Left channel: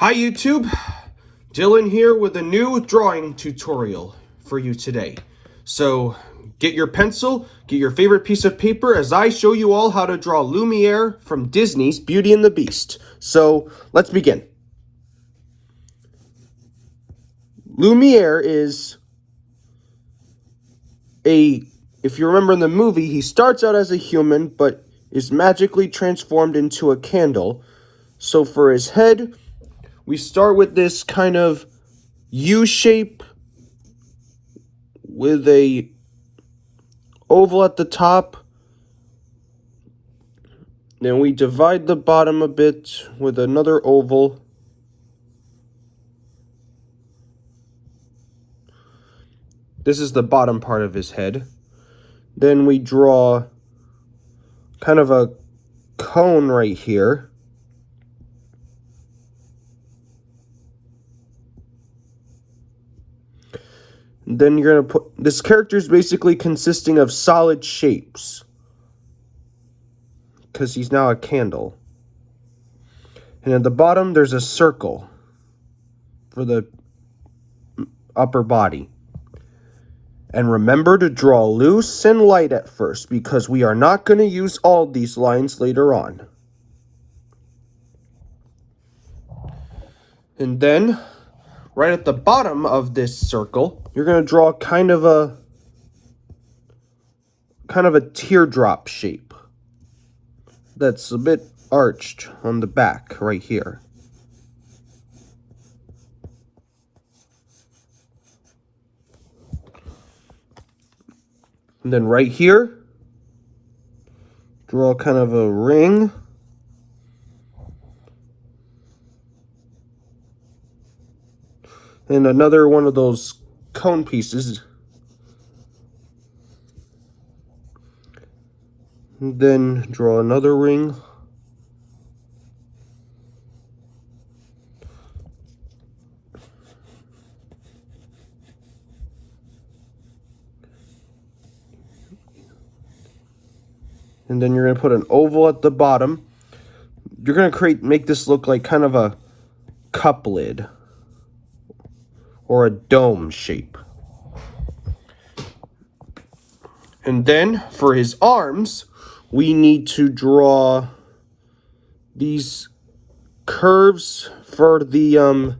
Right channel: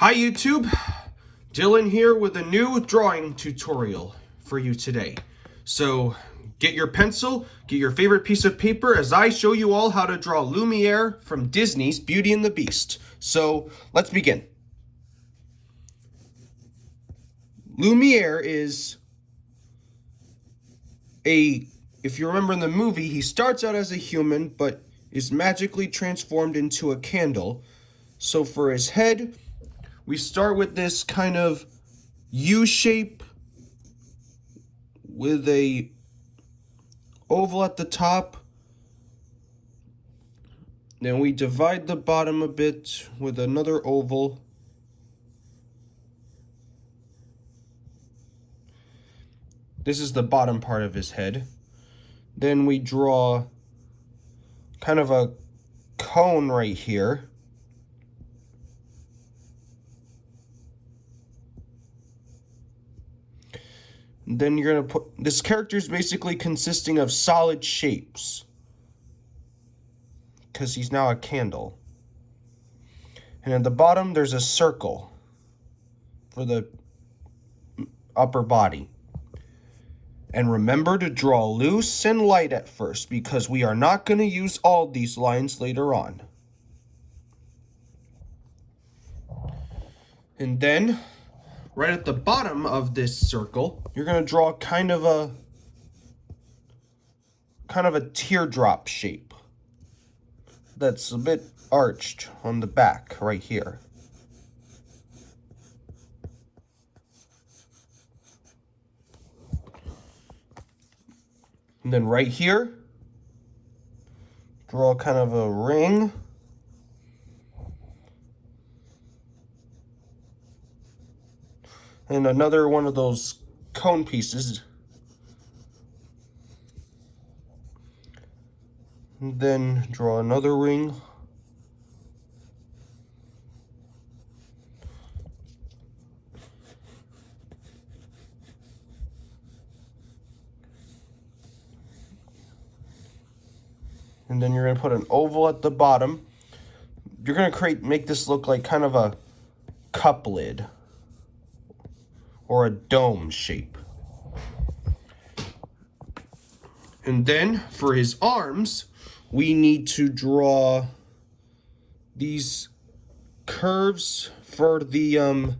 Hi YouTube, Dylan here with a new drawing tutorial for you today. So get your pencil, get your favorite piece of paper as I show you all how to draw Lumiere from Disney's Beauty and the Beast. So let's begin. Lumiere is if you remember in the movie, he starts out as a human but is magically transformed into a candle. So for his head, we start with this kind of U shape with a oval at the top. Then we divide the bottom a bit with another oval. This is the bottom part of his head. Then we draw kind of a cone right here. Then you're going to put, this character is basically consisting of solid shapes, because he's now a candle. And at the bottom, there's a circle for the upper body. And remember to draw loose and light at first, because we are not going to use all these lines later on. And then, right at the bottom of this circle, you're going to draw kind of a teardrop shape that's a bit arched on the back right here. And then right here, draw kind of a ring. And another one of those cone pieces. And then draw another ring. And then you're going to put an oval at the bottom. You're going to make this look like kind of a cup lid or a dome shape. And then for his arms, we need to draw these curves for the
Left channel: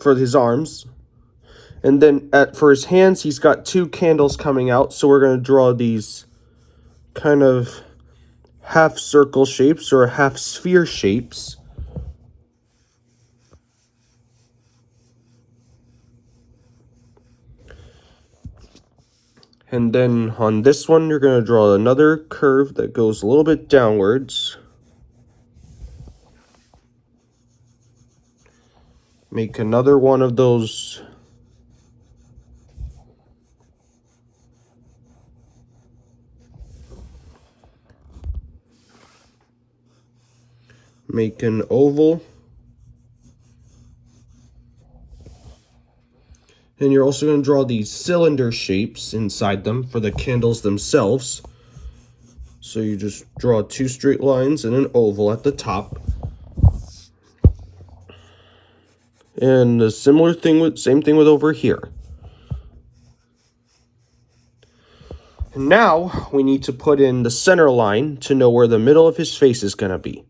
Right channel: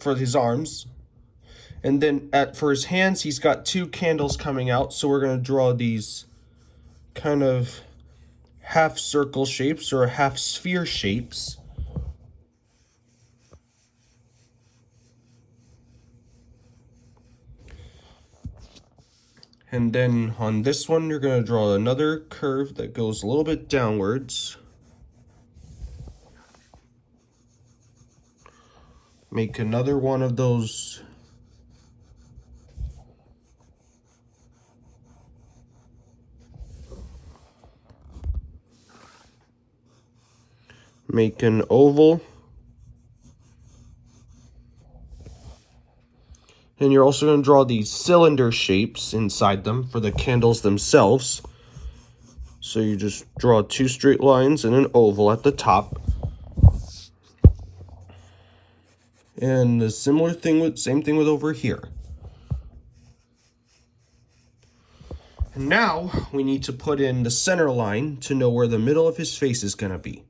for his arms. And then for his hands, he's got two candles coming out, so we're going to draw these kind of half circle shapes or half sphere shapes. And then on this one, you're going to draw another curve that goes a little bit downwards. Make another one of those make an oval. And you're also going to draw these cylinder shapes inside them for the candles themselves. So you just draw two straight lines and an oval at the top. And the same thing with over here. And now we need to put in the center line to know where the middle of his face is going to be.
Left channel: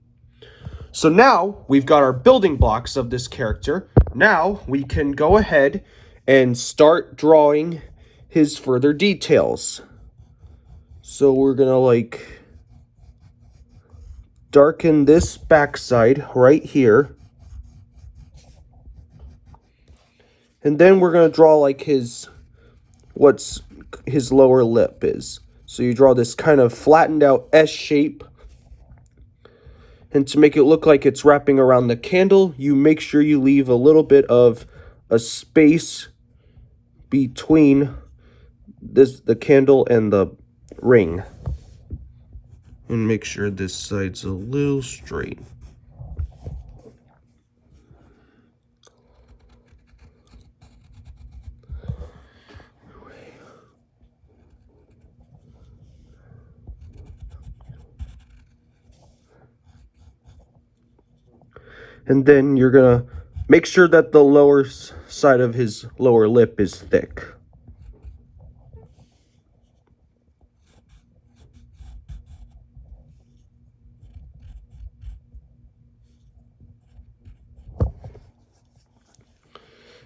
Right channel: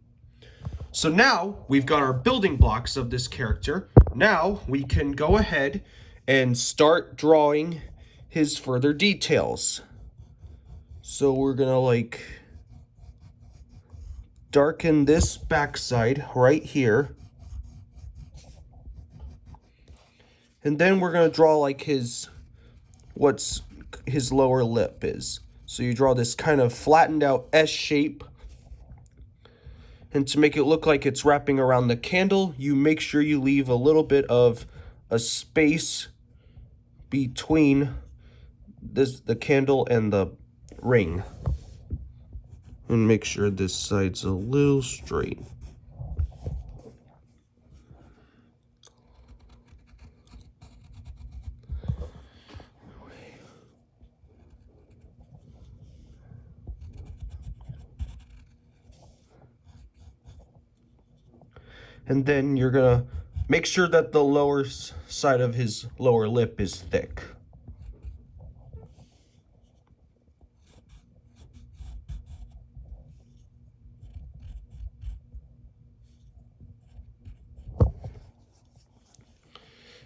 So now we've got our building blocks of this character. Now we can go ahead and start drawing his further details. So we're gonna darken this backside right here. And then we're gonna draw what's his lower lip is. So you draw this kind of flattened out S shape. And to make it look like it's wrapping around the candle, you make sure you leave a little bit of a space between the candle and the ring. And make sure this side's a little straight. And then you're gonna make sure that the lower side of his lower lip is thick.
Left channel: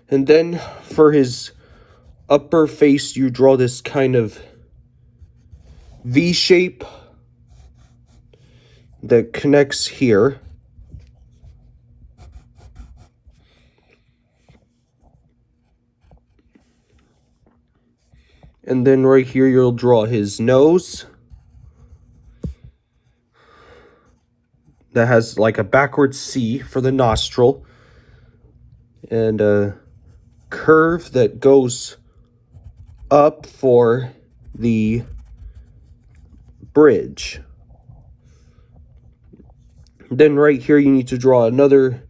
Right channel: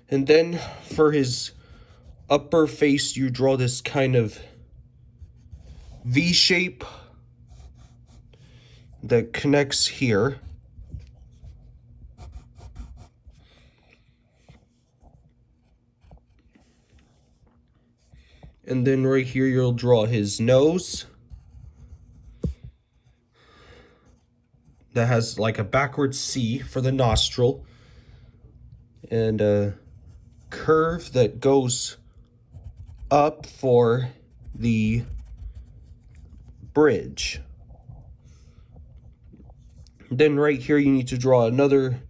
And then for his upper face, you draw this kind of V shape that connects here. And then right here, you'll draw his nose that has like a backwards C for the nostril, and a curve that goes up for the bridge. Then right here, you need to draw another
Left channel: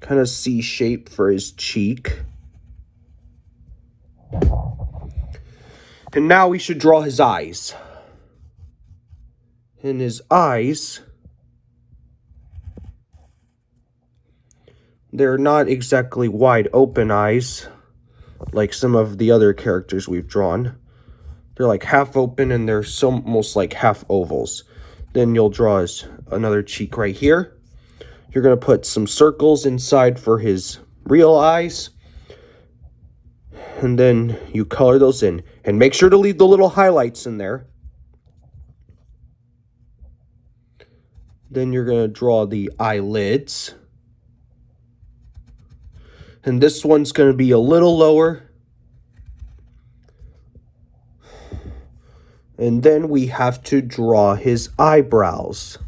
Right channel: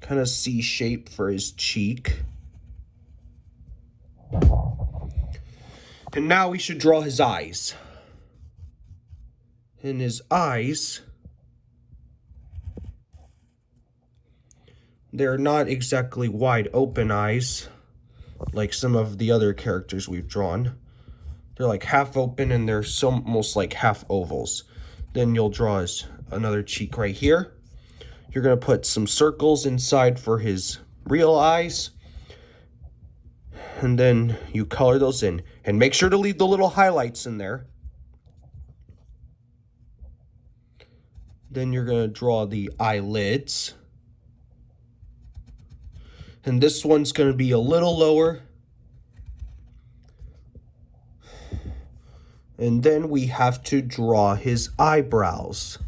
kind of C shape for his cheek. And now we should draw his eyes. And his eyes, they're not exactly wide open eyes like some of the other characters we've drawn. They're like half open, and they're almost like half ovals. Then you'll draw another cheek right here. You're going to put some circles inside for his real eyes. And then you color those in. And make sure to leave the little highlights in there. Then you're going to draw the eyelids. And this one's going to be a little lower. And then we have to draw his eyebrows.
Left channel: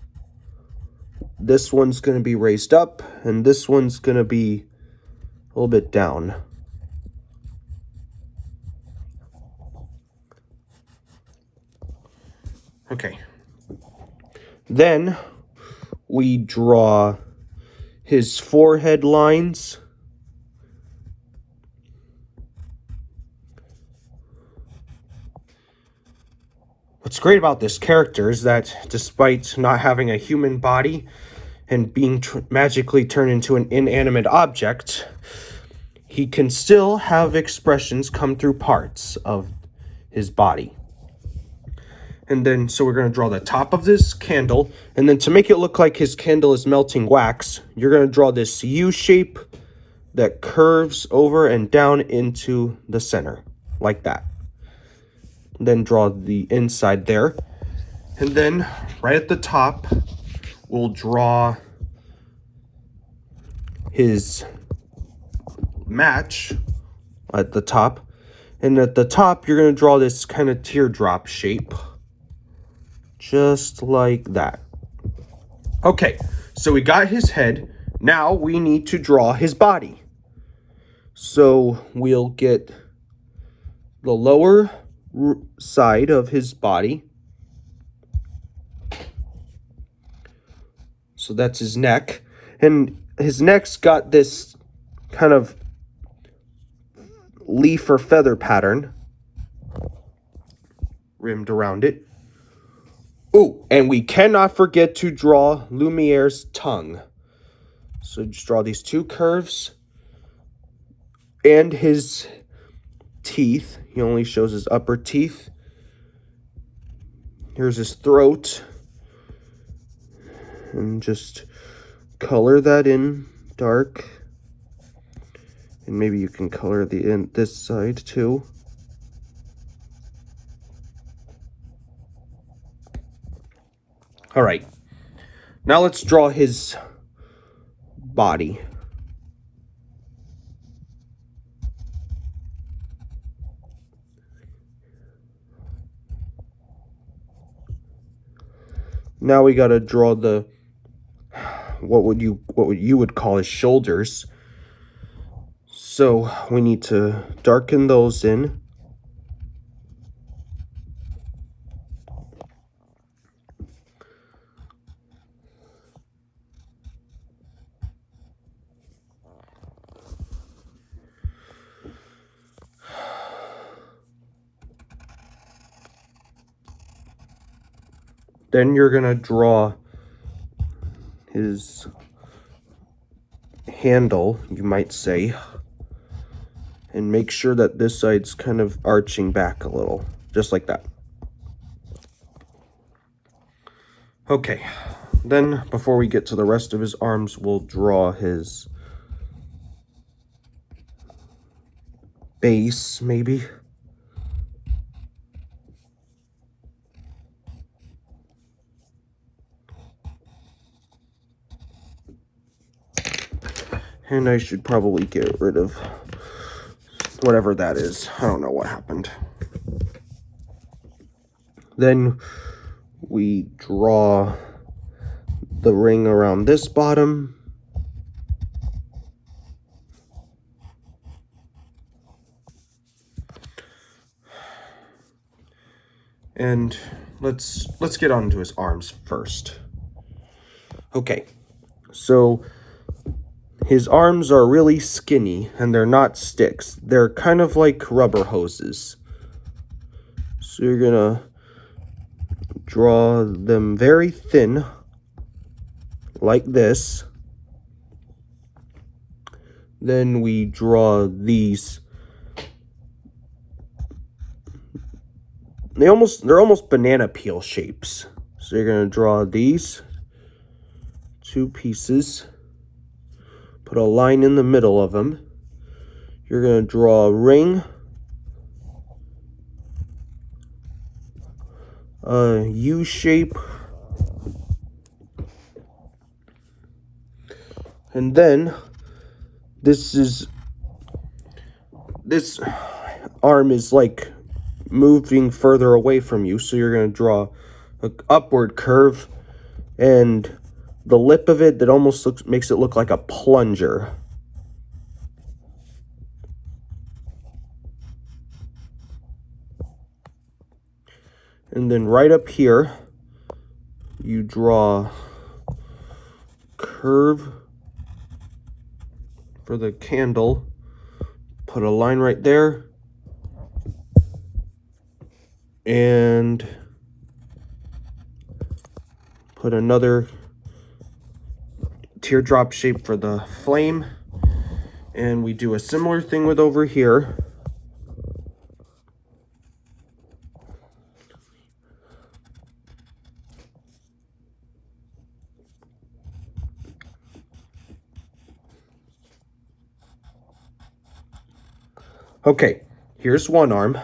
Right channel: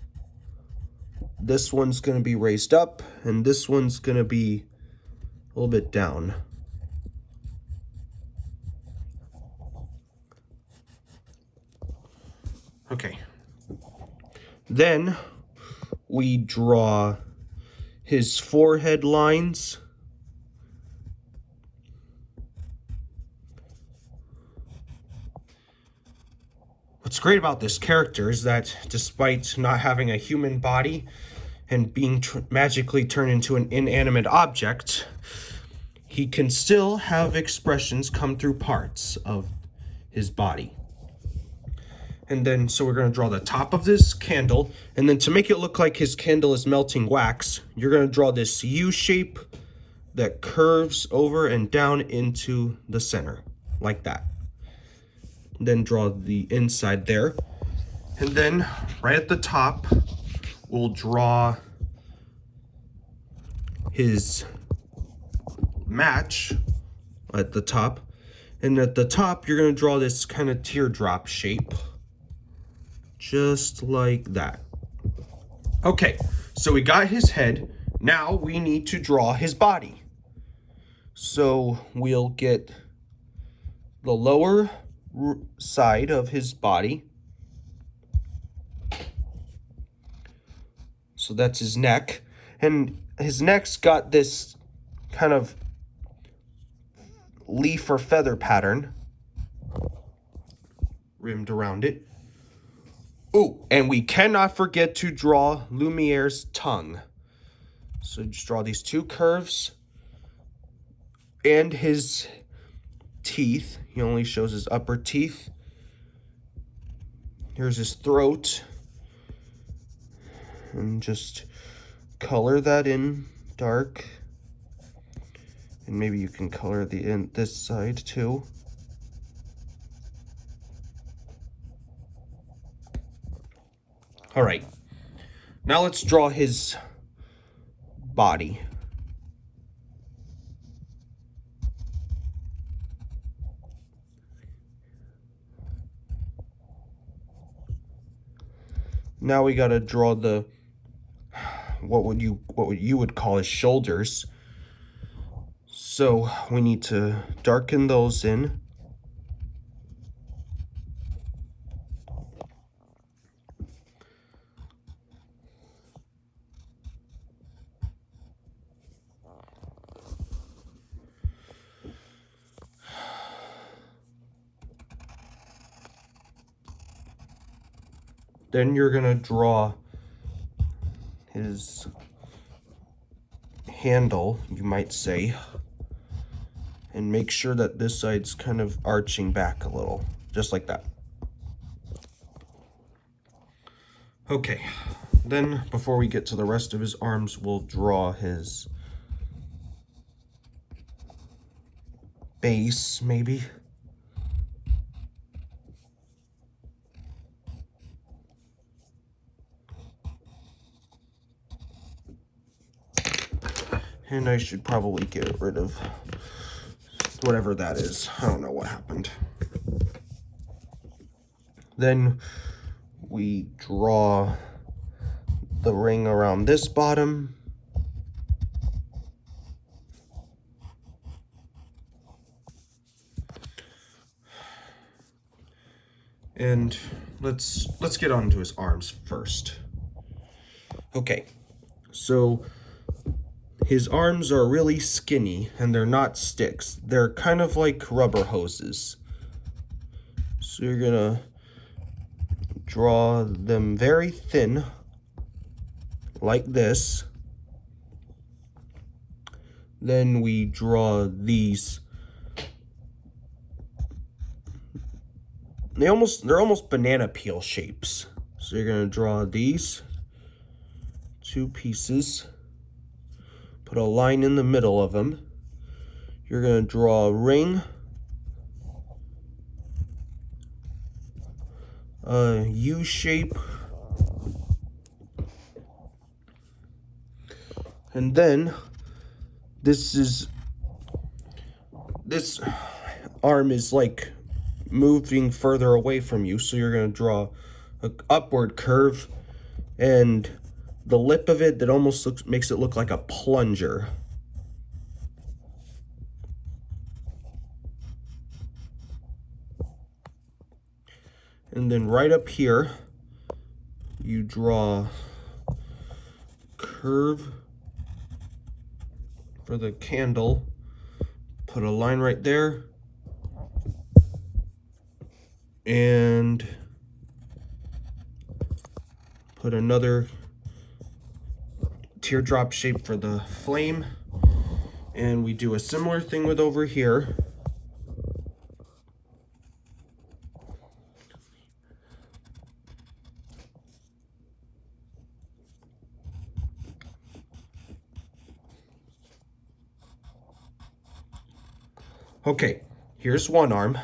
This one's going to be raised up, and this one's going to be a little bit down. Okay. Then we draw his forehead lines. What's great about this character is that despite not having a human body and being magically turned into an inanimate object, he can still have expressions come through parts of his body. And then, so we're going to draw the top of this candle, and then to make it look like his candle is melting wax, you're going to draw this U shape that curves over and down into the center, like that. Then draw the inside there. And then, right at the top, we'll draw his match at the top. And at the top, you're going to draw this kind of teardrop shape. Just like that. Okay, so we got his head. Now we need to draw his body. So we'll get the lower side of his body. So that's his neck. And his neck's got this kind of leaf or feather pattern rimmed around it. Oh, and we cannot forget to draw Lumiere's tongue. So just draw these two curves and his teeth. He only shows his upper teeth. Here's his throat. And just color that in dark. And maybe you can color this side too. All right, now let's draw his body. Now we got to draw the what you would call his shoulders. So we need to darken those in. Then you're going to draw his handle, you might say, and make sure that this side's kind of arching back a little, just like that. Okay, then before we get to the rest of his arms, we'll draw his base, maybe. And I should probably get rid of whatever that is. I don't know what happened. Then we draw the ring around this bottom. And let's get on to his arms first. Okay, so his arms are really skinny and they're not sticks. They're kind of like rubber hoses. So you're gonna draw them very thin, like this. Then we draw these. They're almost banana peel shapes. So you're gonna draw these two pieces, put a line in the middle of them. You're gonna draw a ring, a U shape, and then this arm is like moving further away from you, so you're going to draw an upward curve, and the lip of it that almost makes it look like a plunger. And then right up here, you draw curve for the candle, put a line right there, and put another teardrop shape for the flame. And we do a similar thing with over here. Okay, here's one arm.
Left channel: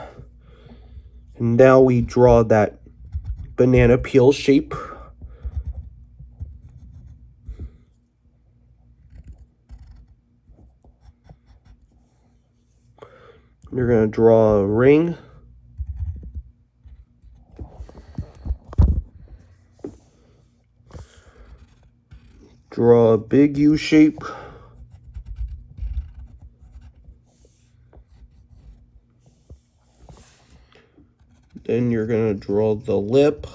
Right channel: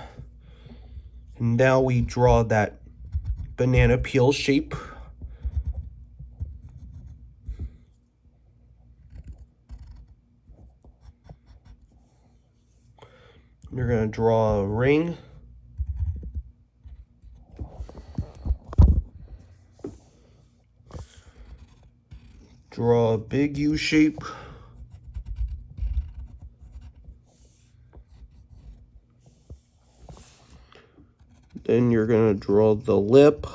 And now we draw that banana peel shape. You're going to draw a ring. Draw a big U shape. Then you're going to draw the lip.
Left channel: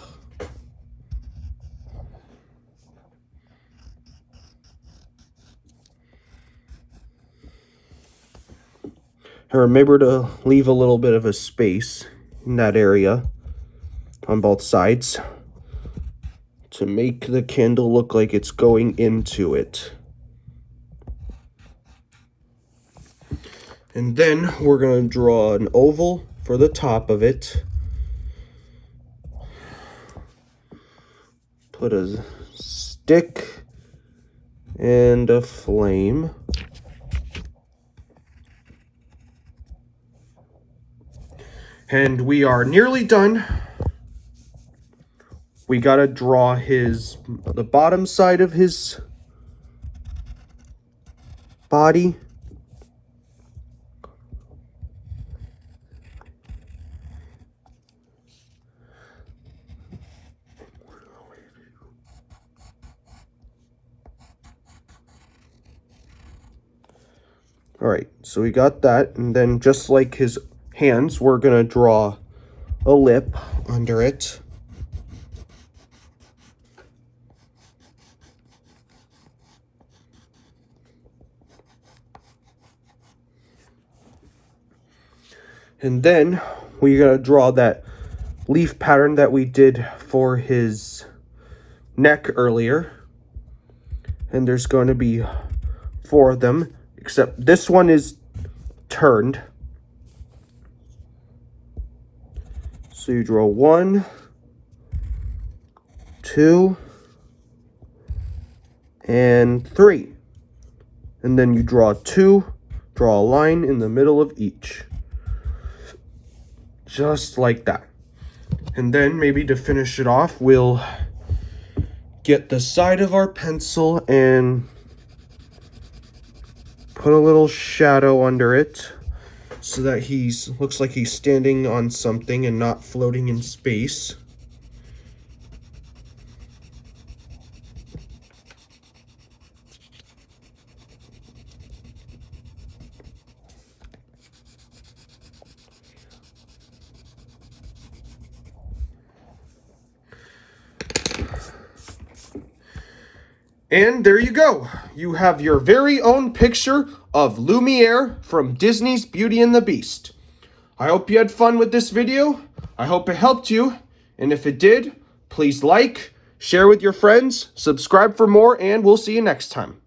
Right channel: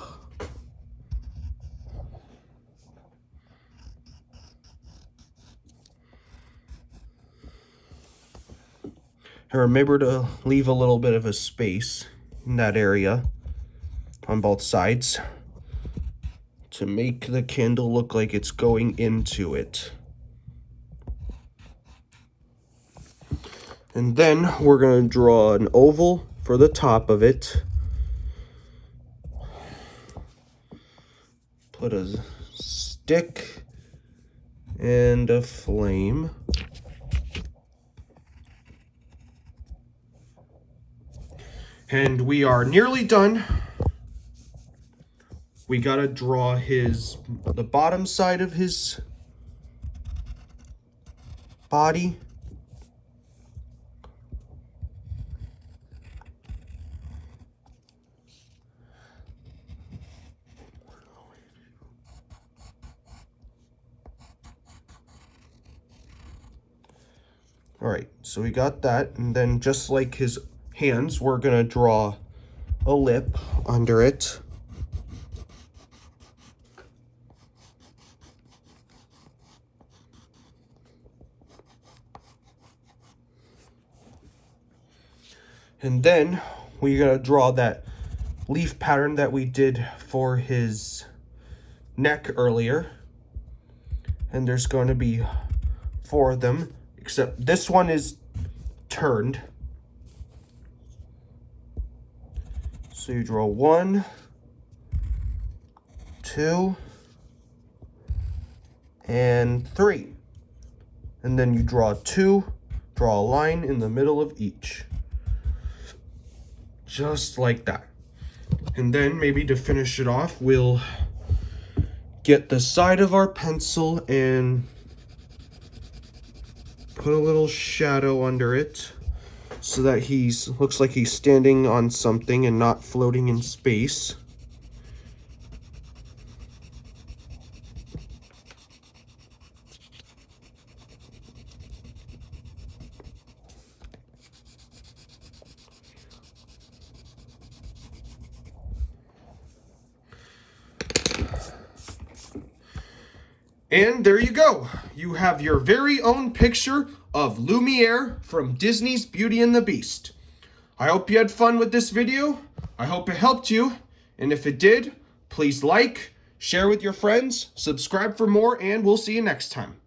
And remember to leave a little bit of a space in that area on both sides to make the candle look like it's going into it. And then we're going to draw an oval for the top of it. Put a stick and a flame. And we are nearly done. We gotta draw the bottom side of his body. All right, so we got that, and then just like his hands, we're gonna draw a lip under it. And then we're gonna draw that leaf pattern that we did for his neck earlier. And there's going to be 4 of them, except this one is turned. So you draw 1, 2, and 3. And then you draw 2, draw a line in the middle of each. Just like that. And then maybe to finish it off, we'll get the side of our pencil and put a little shadow under it so that looks like he's standing on something and not floating in space. And there you go. You have your very own picture of Lumiere from Disney's Beauty and the Beast. I hope you had fun with this video. I hope it helped you. And if it did, please like, share with your friends, subscribe for more, and we'll see you next time.